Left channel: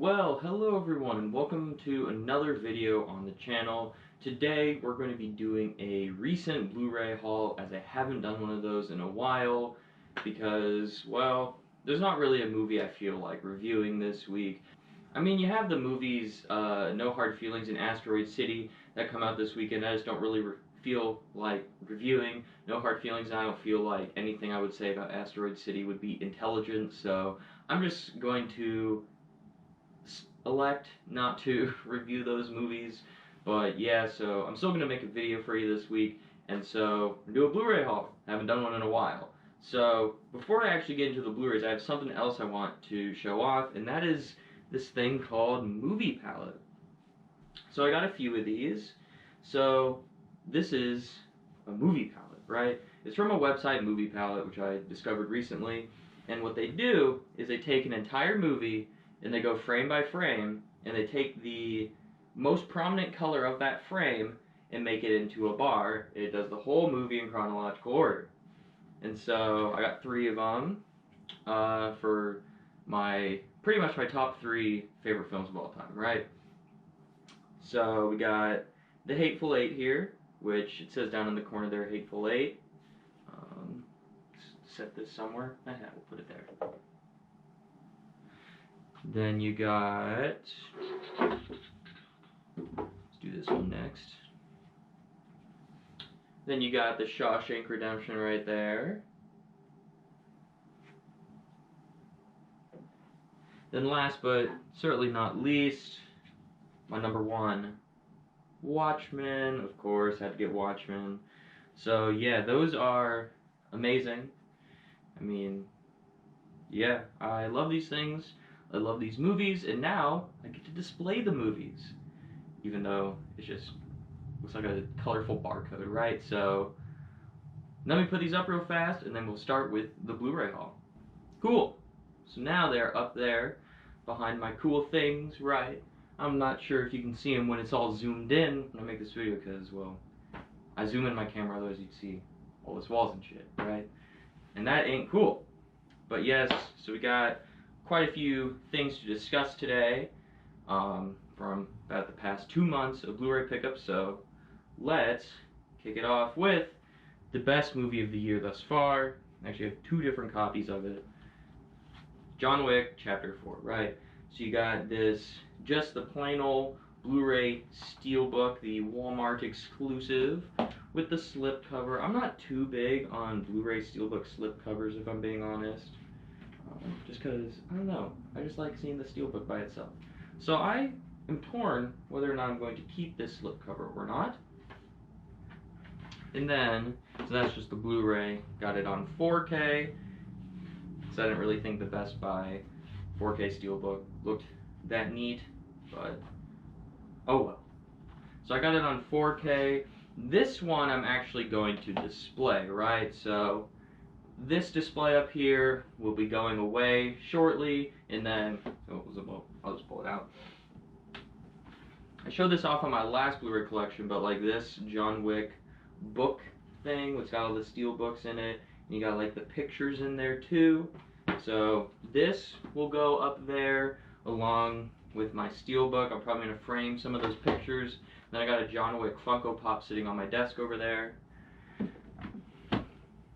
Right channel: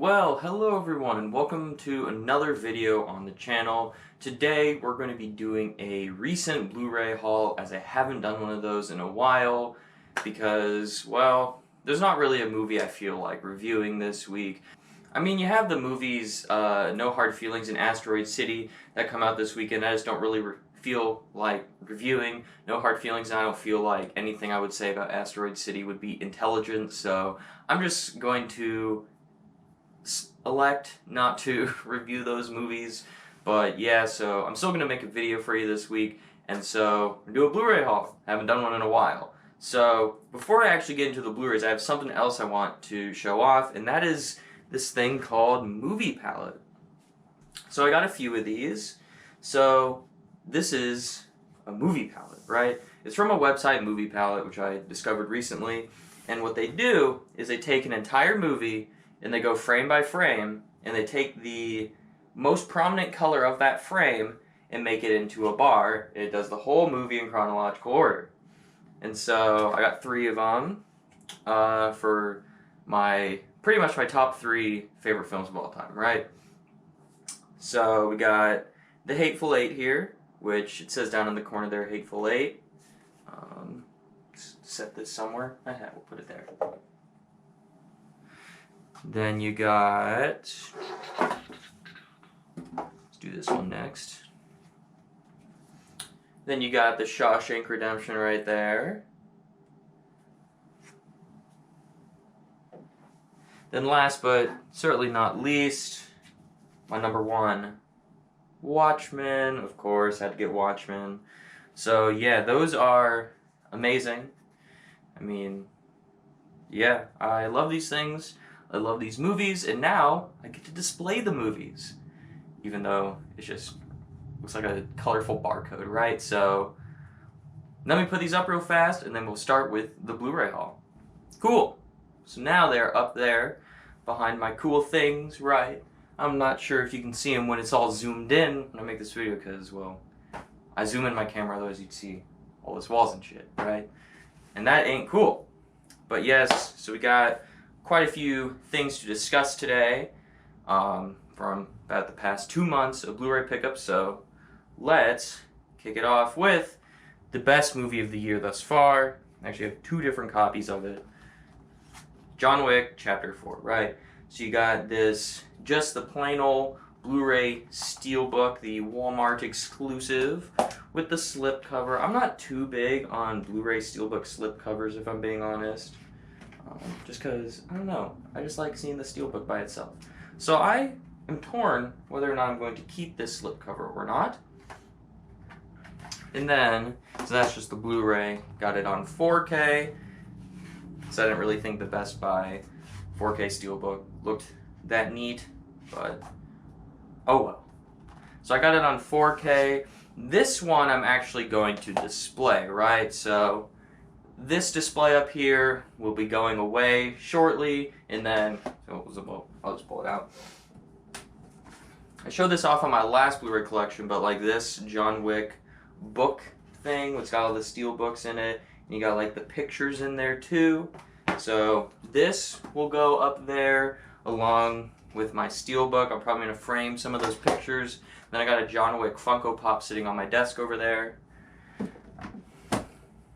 Well, hello everyone and welcome to another video on the channel. Today we're going to be doing a recent Blu-ray haul, as I haven't done one of those in a while because, well, there's not really a movie I feel like reviewing this week. I mean, you have the movies No Hard Feelings and Asteroid City that come out this weekend. I just don't really feel like reviewing No Hard Feelings, and I don't feel like anything I would say about Asteroid City would be intelligent, so I'm just going to elect not to review those movies. But yeah, so I'm still going to make a video for you this week, and so I'm do a Blu-ray haul. Haven't done one in a while. So before I actually get into the Blu-rays, I have something else I want to show off, and that is this thing called Movie Palette. So I got a few of these. So this is a movie palette, right? It's from a website, Movie Palette, which I discovered recently, and what they do is they take an entire movie and they go frame by frame, and they take the most prominent color of that frame and make it into a bar. It does the whole movie in chronological order. And so I got 3 of them for pretty much my top 3 favorite films of all time, right? So we got The Hateful Eight here, which it says down in the corner there, Hateful Eight. Set this somewhere. We'll put it there. Then you got, let's do this one next. Then you got The Shawshank Redemption right there. Then last but certainly not least, my number 1, Watchmen. Of course, had to get Watchmen. So yeah, those are amazing. I mean, yeah, I love these things. I love these movies, and now I get to display the movies, even though it just looks like a colorful barcode, right? So let me put these up real fast, and then we'll start with the Blu-ray haul. Cool. So now they're up there behind my cool things, right? I'm not sure if you can see them when it's all zoomed in when I make this video, because, well, I zoom in my camera, otherwise you'd see all those walls and shit, right? And that ain't cool. But yes, so we got quite a few things to discuss today from about the past 2 months of Blu-ray pickups, so let's kick it off with the best movie of the year thus far. I actually have 2 different copies of it. John Wick, Chapter 4, right? So you got this, just the plain old Blu-ray Steelbook, the Walmart exclusive, with the slip cover. I'm not too big on Blu-ray Steelbook slip covers, if I'm being honest. Just because, I don't know, I just like seeing the Steelbook by itself. So I am torn whether or not I'm going to keep this slipcover or not. And then, so that's just the Blu-ray. Got it on 4K. So I didn't really think the Best Buy 4K Steelbook looked that neat, but oh well. So I got it on 4K. This one I'm actually going to display, right? So this display up here will be going away shortly, and then, I'll just pull it out. I showed this off on my last Blu-ray collection, but like this John Wick book thing, it's got all the steel books in it, and you got like the pictures in there too. So this will go up there along with my Steelbook. I'm probably going to frame some of those pictures. Then I got a John Wick Funko Pop sitting on my desk over there.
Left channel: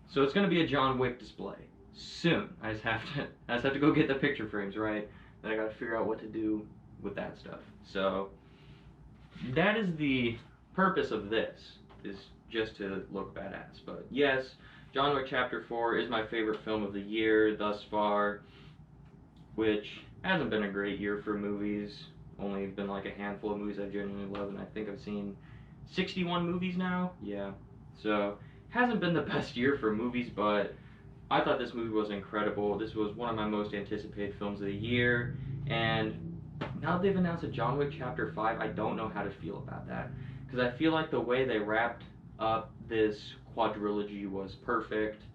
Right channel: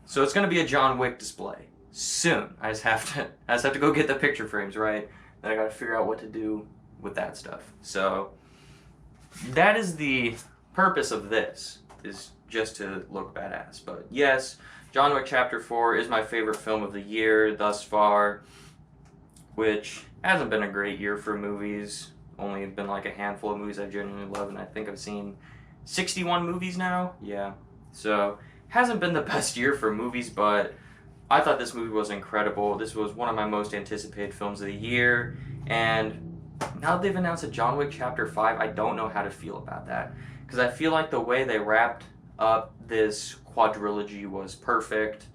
So it's going to be a John Wick display soon. I just have to go get the picture frames, right? Then I got to figure out what to do with that stuff. So that is the purpose of this, is just to look badass. But yes, John Wick Chapter 4 is my favorite film of the year thus far, which hasn't been a great year for movies. Only been like a handful of movies I genuinely love, and I think I've seen 61 movies now. Yeah, so hasn't been the best year for movies, but I thought this movie was incredible. This was one of my most anticipated films of the year, and now that they've announced a John Wick Chapter 5, I don't know how to feel about that, because I feel like the way they wrapped up this quadrilogy was perfect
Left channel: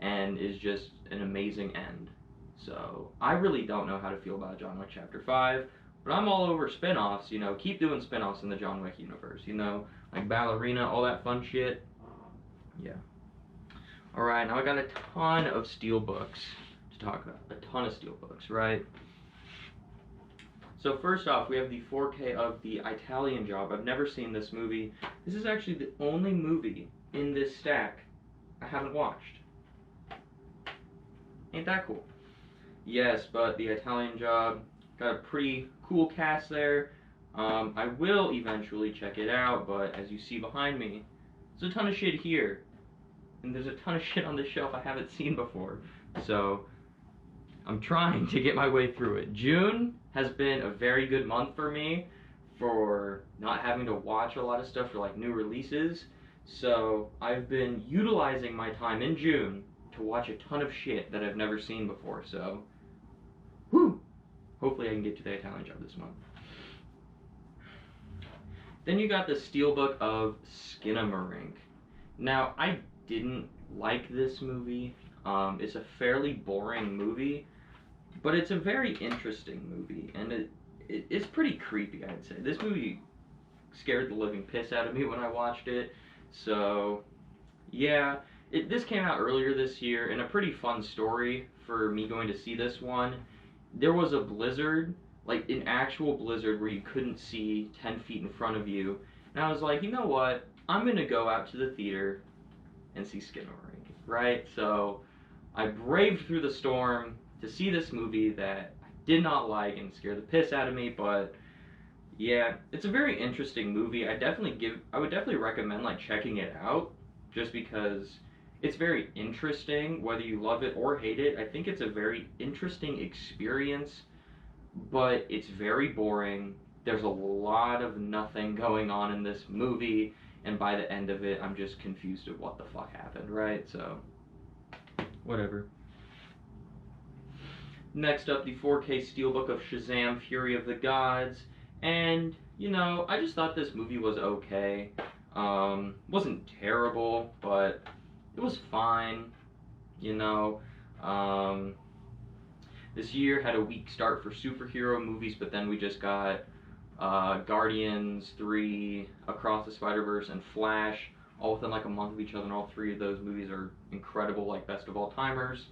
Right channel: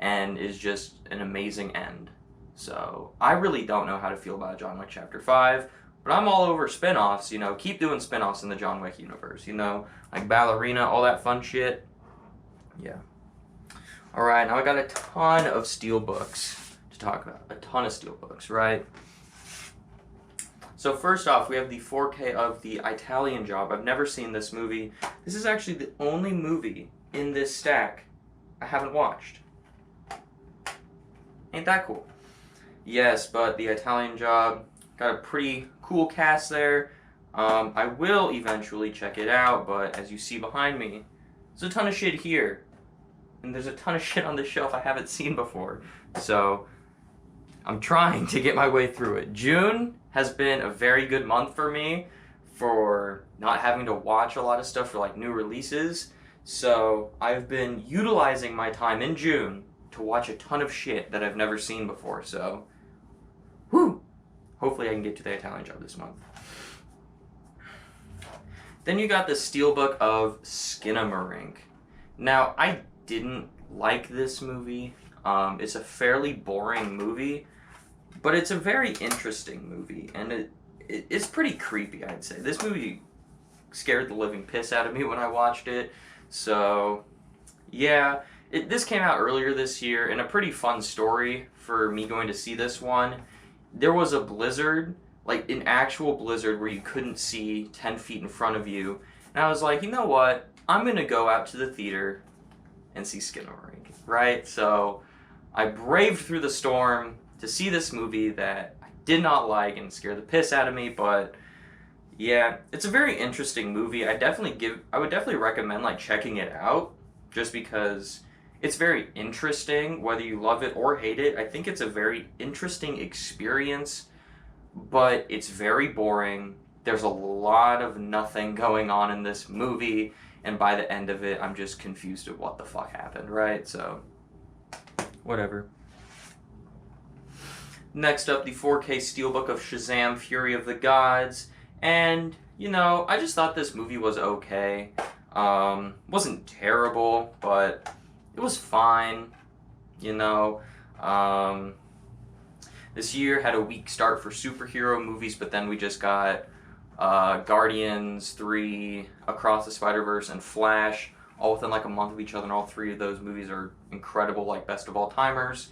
and is just an amazing end. So I really don't know how to feel about John Wick Chapter 5, but I'm all over spin-offs, you know, keep doing spin-offs in the John Wick universe, you know, like Ballerina, all that fun shit. Yeah. Alright, now I got a ton of Steelbooks to talk about. A ton of Steelbooks, right? So first off, we have the 4K of The Italian Job. I've never seen this movie. This is actually the only movie in this stack I haven't watched. Ain't that cool? Yes, but The Italian Job got a pretty cool cast there. I will eventually check it out, but as you see behind me, there's a ton of shit here. And there's a ton of shit on the shelf I haven't seen before. So I'm trying to get my way through it. June has been a very good month for me for not having to watch a lot of stuff for like new releases. So I've been utilizing my time in June to watch a ton of shit that I've never seen before. So, whew! Hopefully I can get to The Italian Job this month. Then you got the Steelbook of Skinamarink. Now, I didn't like this movie. It's a fairly boring movie, but it's a very interesting movie, and it's pretty creepy, I'd say. This movie scared the living piss out of me when I watched it, so yeah. This came out earlier this year, and a pretty fun story for me going to see this one. There was a blizzard, like an actual blizzard where you couldn't see 10 feet in front of you, and I was like, you know what, I'm gonna go out to the theater and see Skinamarink, right? So I braved through the storm to see this movie that I did not like and scared the piss out of me, but yeah, it's a very interesting movie. I would definitely recommend like checking it out, just because it's very interesting, whether you love it or hate it. I think it's a very interesting experience, but it's very boring. There's a lot of nothing going on in this movie, and by the end of it, I'm just confused at what the fuck happened, right? So, whatever. Next up, the 4K Steelbook of Shazam! Fury of the Gods. And, you know, I just thought this movie was okay. Wasn't terrible, but it was fine, you know. This year had a weak start for superhero movies, but then we just got Guardians 3, Across the Spider-Verse, and Flash, all within like a month of each other, and all three of those movies are incredible, like best of all timers.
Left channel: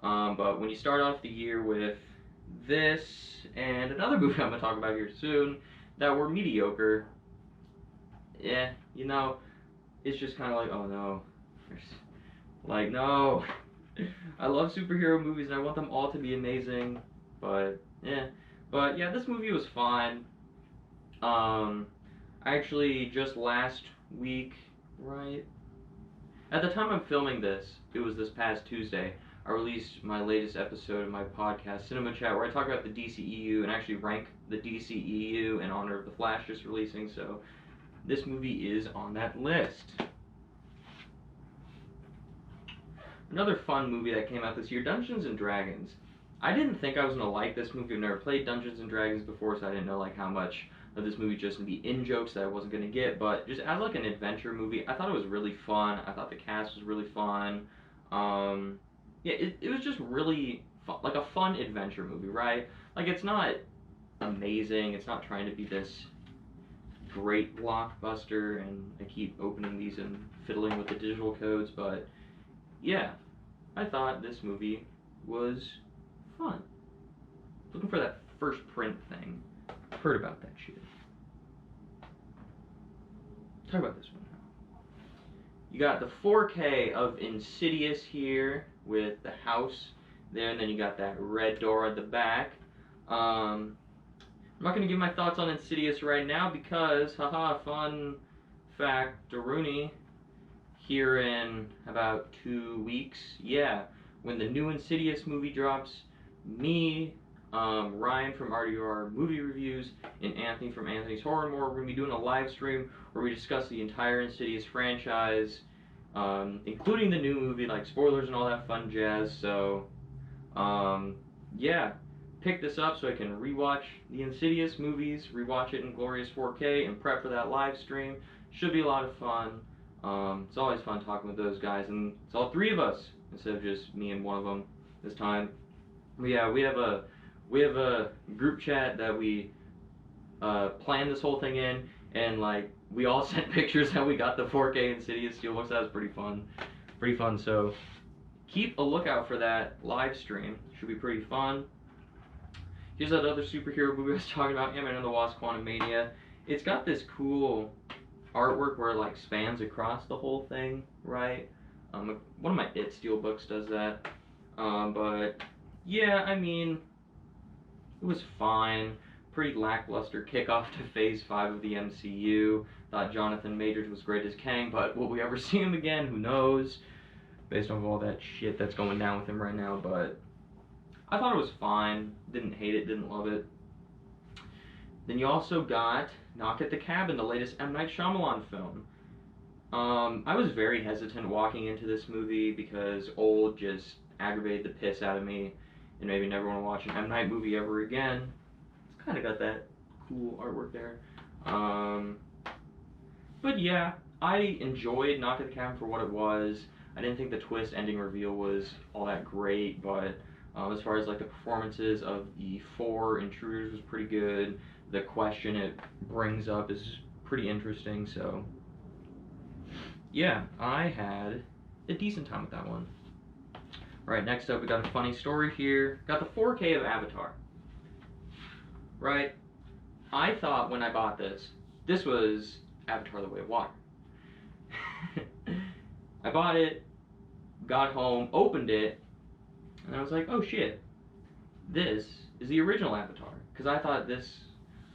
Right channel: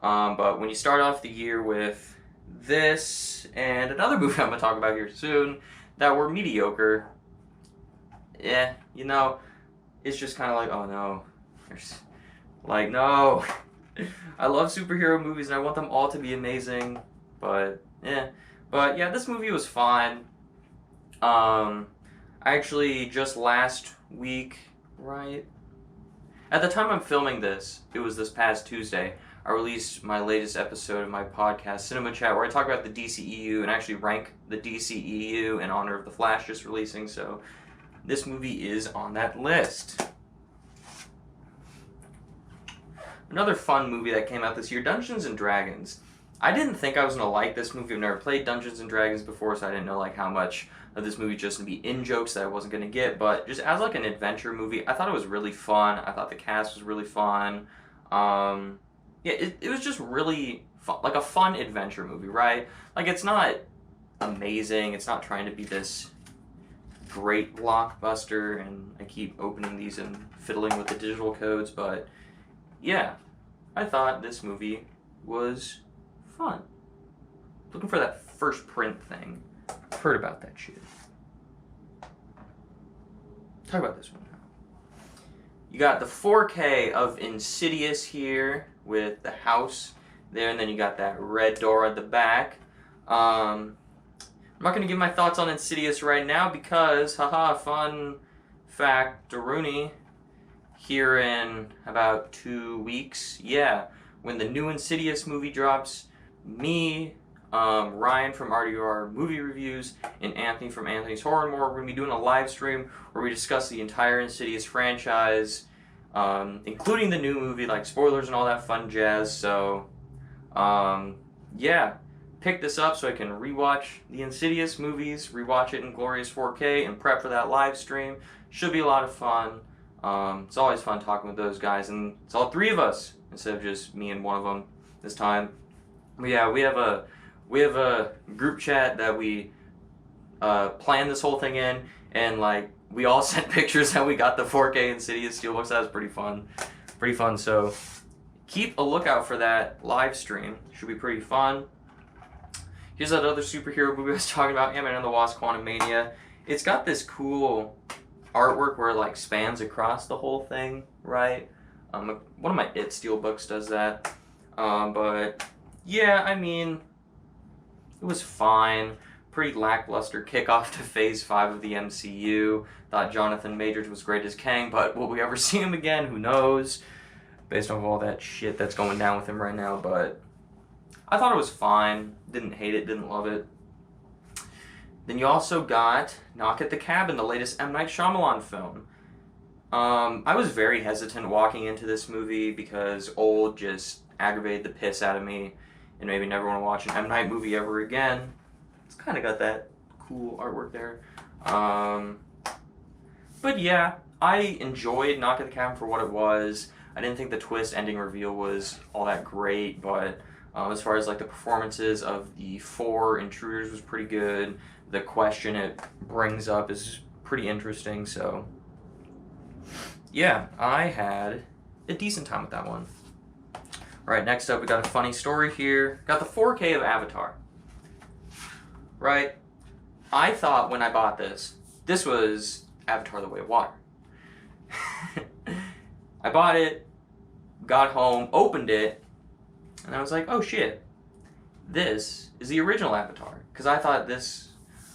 But when you start off the year with this and another movie I'm going to talk about here soon that were mediocre, yeah, you know, it's just kind of like, oh no. Like, no. I love superhero movies and I want them all to be amazing, but yeah. But yeah, this movie was fine. I actually just last week, right? At the time I'm filming this, it was this past Tuesday, I released my latest episode of my podcast, Cinema Chat, where I talk about the DCEU and actually rank the DCEU in honor of The Flash just releasing, so this movie is on that list. Another fun movie that came out this year, Dungeons & Dragons. I didn't think I was going to like this movie. I've never played Dungeons & Dragons before, so I didn't know like how much of this movie just going to be in-jokes that I wasn't going to get, but just as like an adventure movie, I thought it was really fun. I thought the cast was really fun. Yeah, it was just really fun, like a fun adventure movie, right? Like, it's not amazing, it's not trying to be this great blockbuster, and I keep opening these and fiddling with the digital codes, but yeah, I thought this movie was fun. Looking for that first print thing. I've heard about that shit. Talk about this one now. You got the 4K of Insidious here with the house there, and then you got that red door at the back. I'm not going to give my thoughts on Insidious right now because, haha, fun fact, Rooney, here in about 2 weeks, yeah, when the new Insidious movie drops, me, Ryan from RDR Movie Reviews, and Anthony from Anthony's Horror and More, we're going to be doing a live stream where we discuss the entire Insidious franchise, including the new movie, like spoilers and all that fun jazz. So, yeah, pick this up so I can rewatch the Insidious movies, rewatch it in glorious 4K, and prep for that live stream. Should be a lot of fun. It's always fun talking with those guys, and it's all three of us instead of just me and one of them this time. But yeah, we have a group chat that we planned this whole thing in, and like we all sent pictures how we got the 4K Insidious Steelbooks. That was pretty fun. So keep a lookout for that live stream. Should be pretty fun. Here's that other superhero movie I was talking about, Ant-Man and the Wasp: Quantumania. It's got this cool artwork where it like spans across the whole thing, right? One of my Steelbooks does that. But yeah, I mean, it was fine. Pretty lackluster kickoff to Phase 5 of the MCU. Thought Jonathan Majors was great as Kang, but will we ever see him again? Who knows? Based on all that shit that's going down with him right now, but I thought it was fine. Didn't hate it, didn't love it. Then you also got Knock at the Cabin, the latest M. Night Shyamalan film. I was very hesitant walking into this movie because Old just aggravated the piss out of me and made me never want to watch an M. Night movie ever again. It's kind of got that cool artwork there. But yeah, I enjoyed Knock at the Cabin for what it was. I didn't think the twist ending reveal was all that great, but as far as like the performances of the 4 intruders was pretty good. The question it brings up is pretty interesting, so yeah, I had a decent time with that one. Alright, next up we got a funny story here. Got the 4K of Avatar. Right? I thought when I bought this was Avatar: The Way of Water. I bought it, got home, opened it, and I was like, oh shit, this is the original Avatar. Because I thought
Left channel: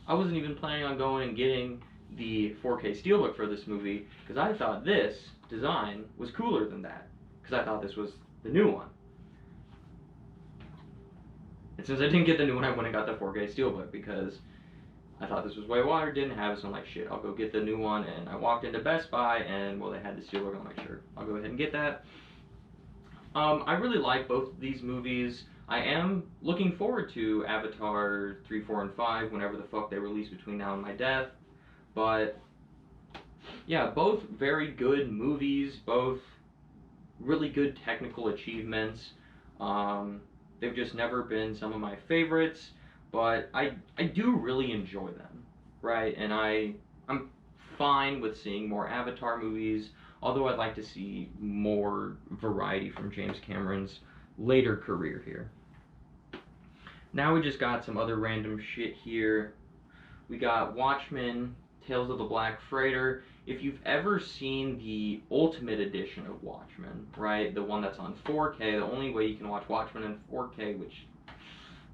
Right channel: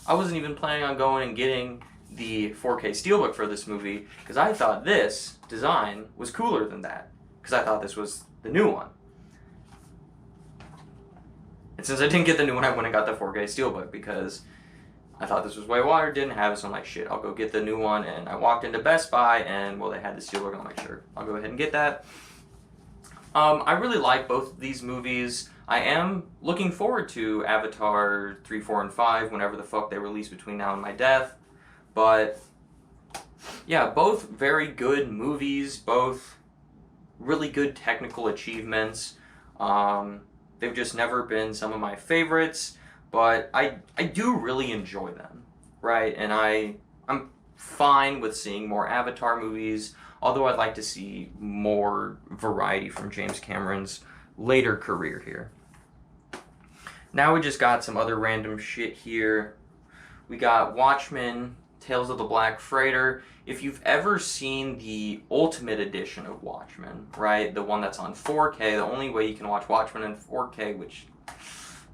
I wasn't even planning on going and getting the 4K Steelbook for this movie, because I thought this design was cooler than that. Because I thought this was the new one. And since I didn't get the new one, I went and got the 4K Steelbook, because I thought this was Way of Water, didn't have it, so I'm like, shit, I'll go get the new one. And I walked into Best Buy, and well, they had the Steelbook, and I'm like, sure, I'll go ahead and get that. I really like both of these movies. I am looking forward to Avatar 3, 4, and 5 whenever the fuck they release between now and my death. But yeah, both very good movies, both really good technical achievements. They've just never been some of my favorites, but I do really enjoy them, right? And I'm fine with seeing more Avatar movies, although I'd like to see more variety from James Cameron's later career here. Now we just got some other random shit here. We got Watchmen, Tales of the Black Freighter. If you've ever seen the Ultimate Edition of Watchmen, right, the one that's on 4K, the only way you can watch Watchmen in 4K, which,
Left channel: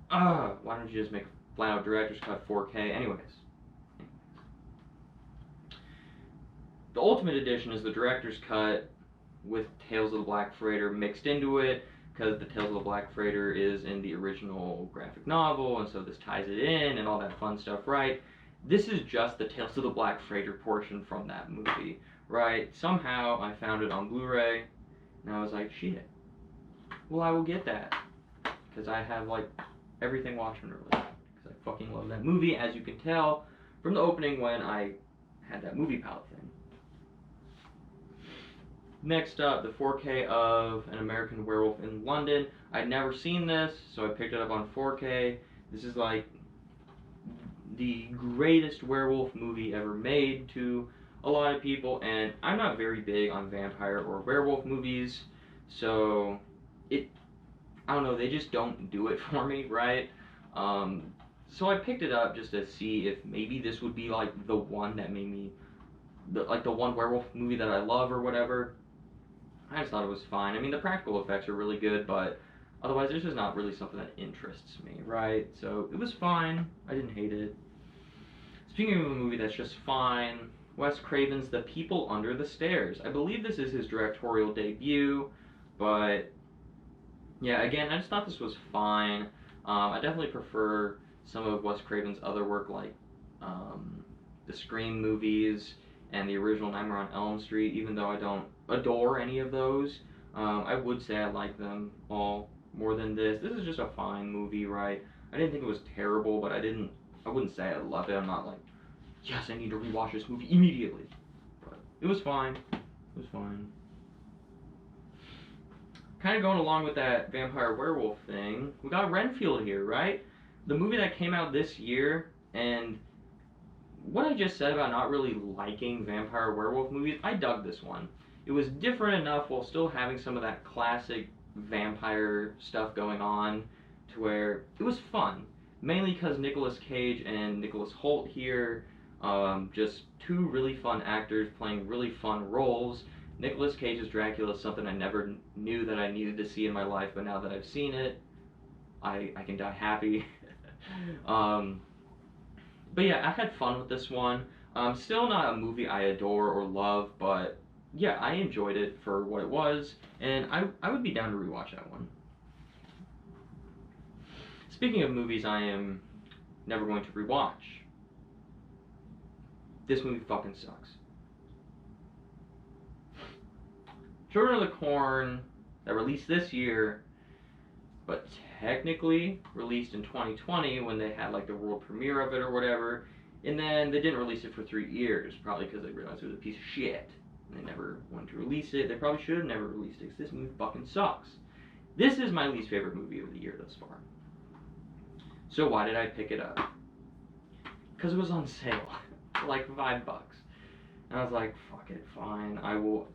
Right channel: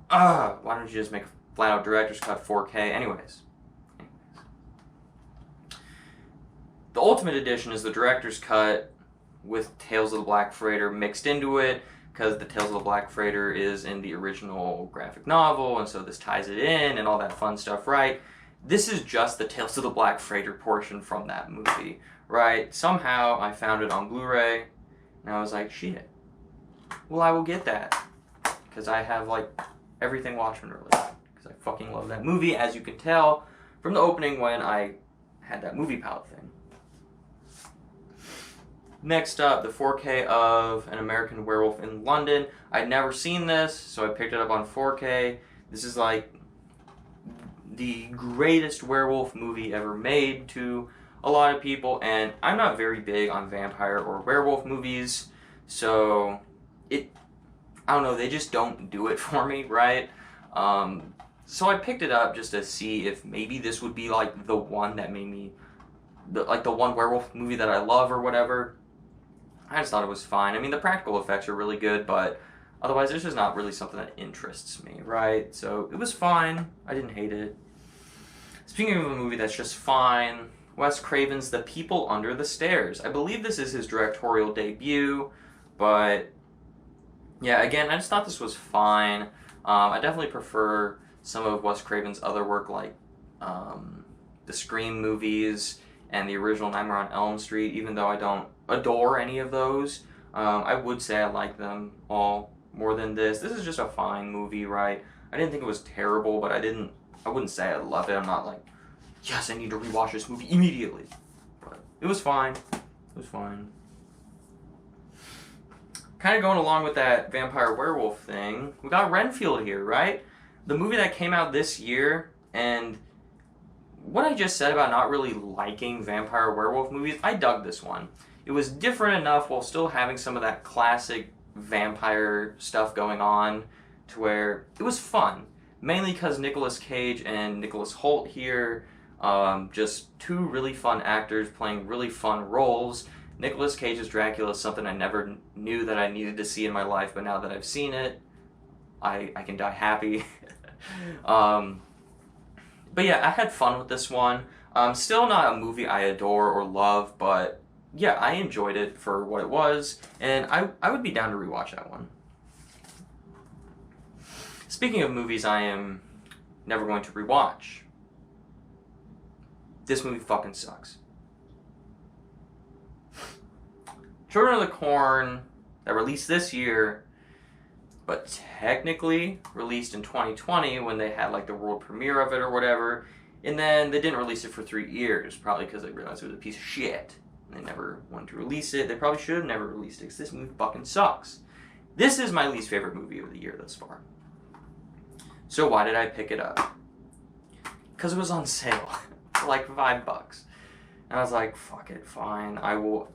why don't you just make a flat-out director's cut 4K? Anyways. The Ultimate Edition is the director's cut with Tales of the Black Freighter mixed into it, because the Tales of the Black Freighter is in the original graphic novel, and so this ties it in and all that fun stuff, right? This is just the Tales of the Black Freighter portion from that movie, right? Somehow I found it on Blu-ray, and I was like, shit, well, I will get that, because I have, like, everything Watchmen related, because I fucking love that movie, as you can tell from the opening when I had that movie palette thing. Next up, the 4K of An American Werewolf in London. I'd never seen this, so I picked it up on 4K. This is like the greatest werewolf movie ever made to a lot of people, and I'm not very big on vampire or werewolf movies, so I don't know, they just don't do it for me, right? So I picked it up just to see if maybe this would be like the one that made me, like the one werewolf movie that I love or whatever. I just thought it was fine. I mean, the practical effects are really good, but otherwise it's just not really something that interests me, right? So it was fine. I didn't hate it. Speaking of a movie that's just fine, Wes Craven's The People Under the Stairs. I believe this is his directorial debut, but yeah, again, I just thought this was fine. I definitely prefer some of Wes Craven's other work, like the Scream movies and the original Nightmare on Elm Street, even though I don't adore any of those. I would say I like them all more than this. This is just a fine movie, right? I didn't think it was terrible, but I wouldn't say I love it. I'm not like, yes, I need to rewatch this movie immediately. But it was fine. It was fine. Kind of going along with that vampire werewolf thing, we got Renfield here, right? The movie that came out this year, and what I just said about not really liking vampire werewolf movies, I dug this one. It was different enough while still having some of that classic vampire stuff going on to where it was fun. mainly because Nicolas Cage and Nicholas Hoult here, just two really fun actors playing really fun roles. Nicolas Cage's Dracula is something I never knew that I needed to see in my life, but now that I've seen it, I can die happy. But yeah, I had fun with this one. Still not a movie I adore or love, but yeah, I enjoyed it for what it was, and I would be down to rewatch that one. Speaking of movies I am never going to rewatch, this movie fucking sucks. Children of the Corn, that released this year, but technically released in 2020 when they had like the world premiere of it or whatever, and then they didn't release it for 3 years, probably because they realized it was a piece of shit. And they never wanted to release it. They probably should have never released it because this movie fucking sucks. This is my least favorite movie of the year thus far. So why did I pick it up? Because it was on sale for like $5. And I was like, fuck it, fine. I will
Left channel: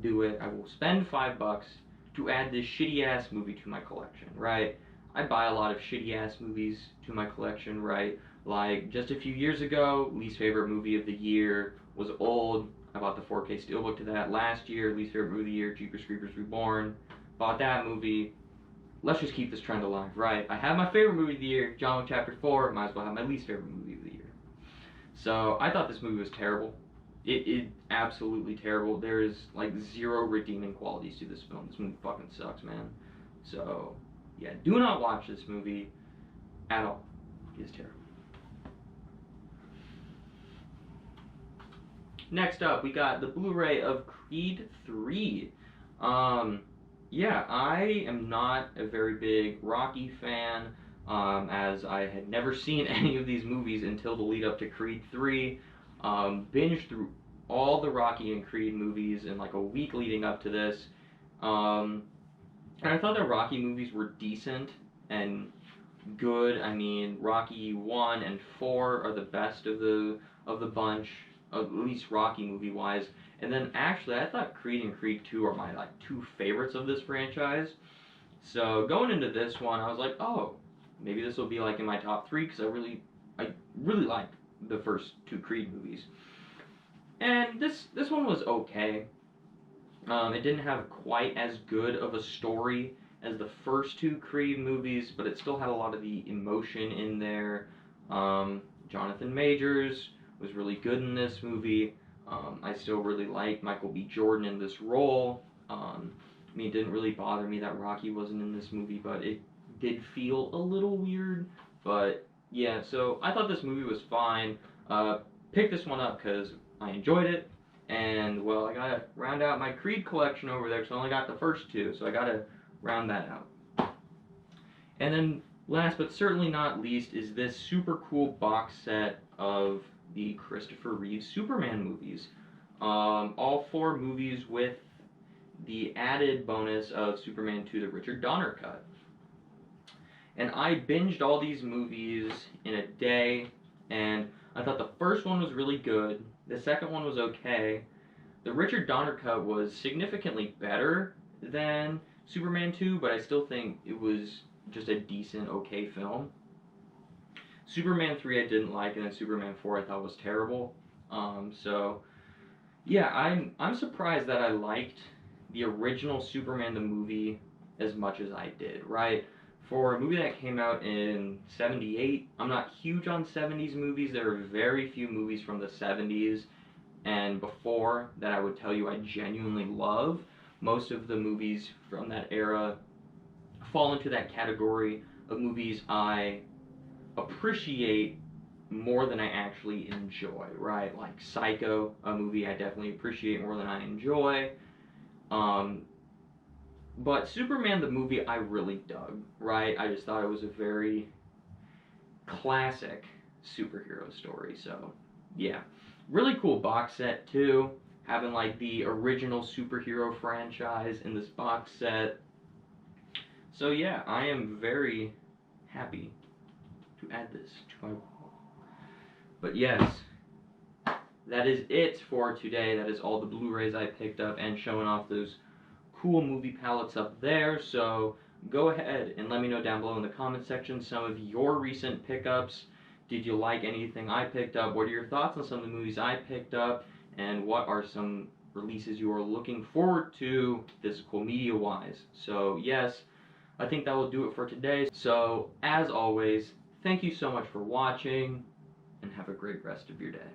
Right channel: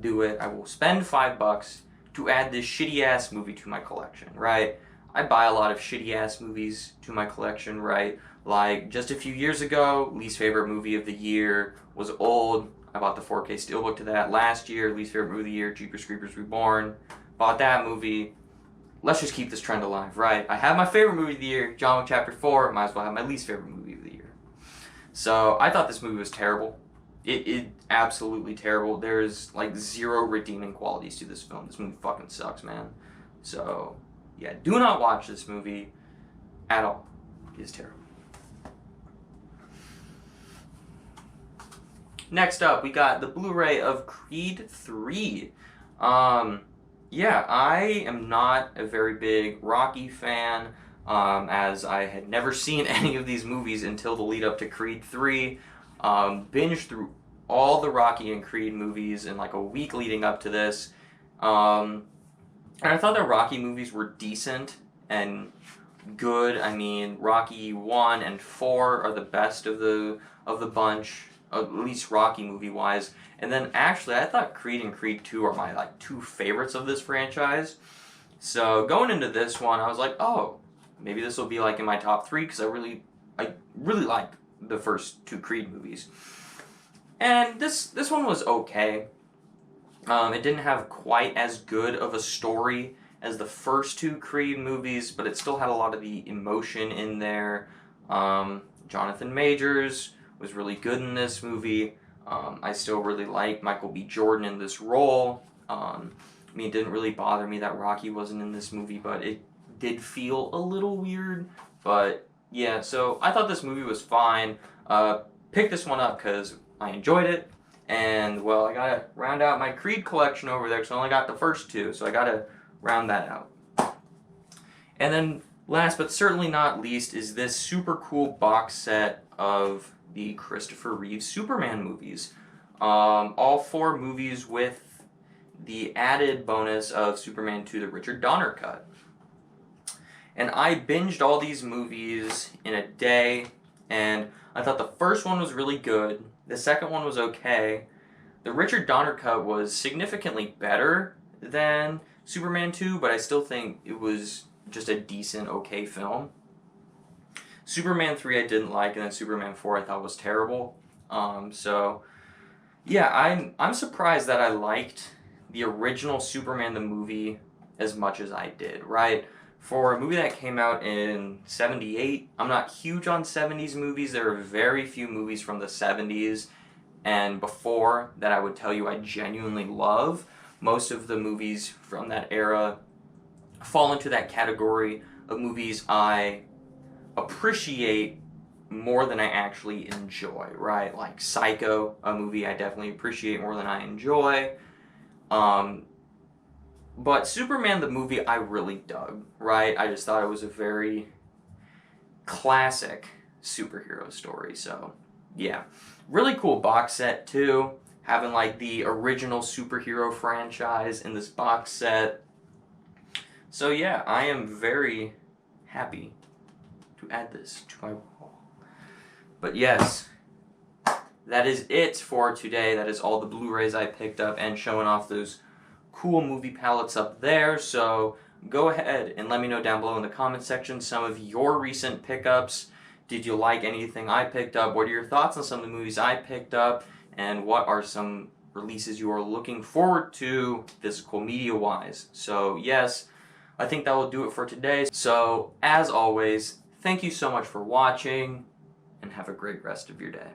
do it. I will spend $5 to add this shitty ass movie to my collection, right? I buy a lot of shitty ass movies to my collection, right? Like just a few years ago, least favorite movie of the year was Old. I bought the 4K Steelbook to that. Last year, least favorite movie of the year, Jeepers Creepers Reborn. Bought that movie. Let's just keep this trend alive, right? I have my favorite movie of the year, John Wick Chapter 4. Might as well have my least favorite movie of the year. So I thought this movie was terrible. It absolutely terrible. There's like zero redeeming qualities to this film. This movie fucking sucks, man. So yeah, do not watch this movie at all. It is terrible. Next up, we got the Blu-ray of Creed 3. Yeah, I am not a very big Rocky fan, as I had never seen any of these movies until the lead up to Creed 3. Binged through all the Rocky and Creed movies in like a week leading up to this. And I thought the Rocky movies were decent and good. I mean, Rocky 1 and 4 are the best of the bunch, at least Rocky movie-wise. And then actually, I thought Creed and Creed 2 are my like two favorites of this franchise. So going into this one, I was like, oh, maybe this will be like in my top 3 because I really liked the first 2 Creed movies. And this one was okay. It didn't have quite as good of a story as the first 2 Creed movies, but it still had a lot of the emotion in there. Jonathan Majors was really good in this movie. I still really like Michael B. Jordan in this role. I mean, it didn't really bother me that Rocky wasn't in this movie, but it did feel a little weird. But yeah, so I thought this movie was fine. Picked this one up because I enjoyed it. And, well, I gotta round out my Creed collection over there because I only got the first 2, so I gotta round that out. And then, last but certainly not least, is this super cool box set of the Christopher Reeve Superman movies. All 4 movies with the added bonus of Superman 2, the Richard Donner cut. And I binged all these movies in a day, and I thought the first one was really good. The second one was okay. The Richard Donner cut was significantly better than Superman 2, but I still think it was just a decent, okay film. Superman 3 I didn't like, and then Superman 4 I thought was terrible. So, yeah, I'm surprised that I liked the original Superman the movie as much as I did, right? For a movie that came out in 78, I'm not huge on 70s movies. There are very few movies from the 70s and before that I would tell you I genuinely love. Most of the movies from that era fall into that category of movies I appreciate more than I actually enjoy, right? Like Psycho, a movie I definitely appreciate more than I enjoy. But Superman the movie I really dug, right? I just thought it was a very classic superhero story. So, yeah. Really cool box set, too. Having, like, the original superhero franchise in this box set. So, yeah, I am very happy to add this to my wall. But, yes, that is it for today. That is all the Blu-rays I picked up and showing off those cool movie palettes up there. So go ahead and let me know down below in the comment section some of your recent pickups. Did you like anything I picked up? What are your thoughts on some of the movies I picked up? And what are some releases you are looking forward to physical media wise? So yes, I think that will do it for today. So as always, thank you so much for watching and have a great rest of your day.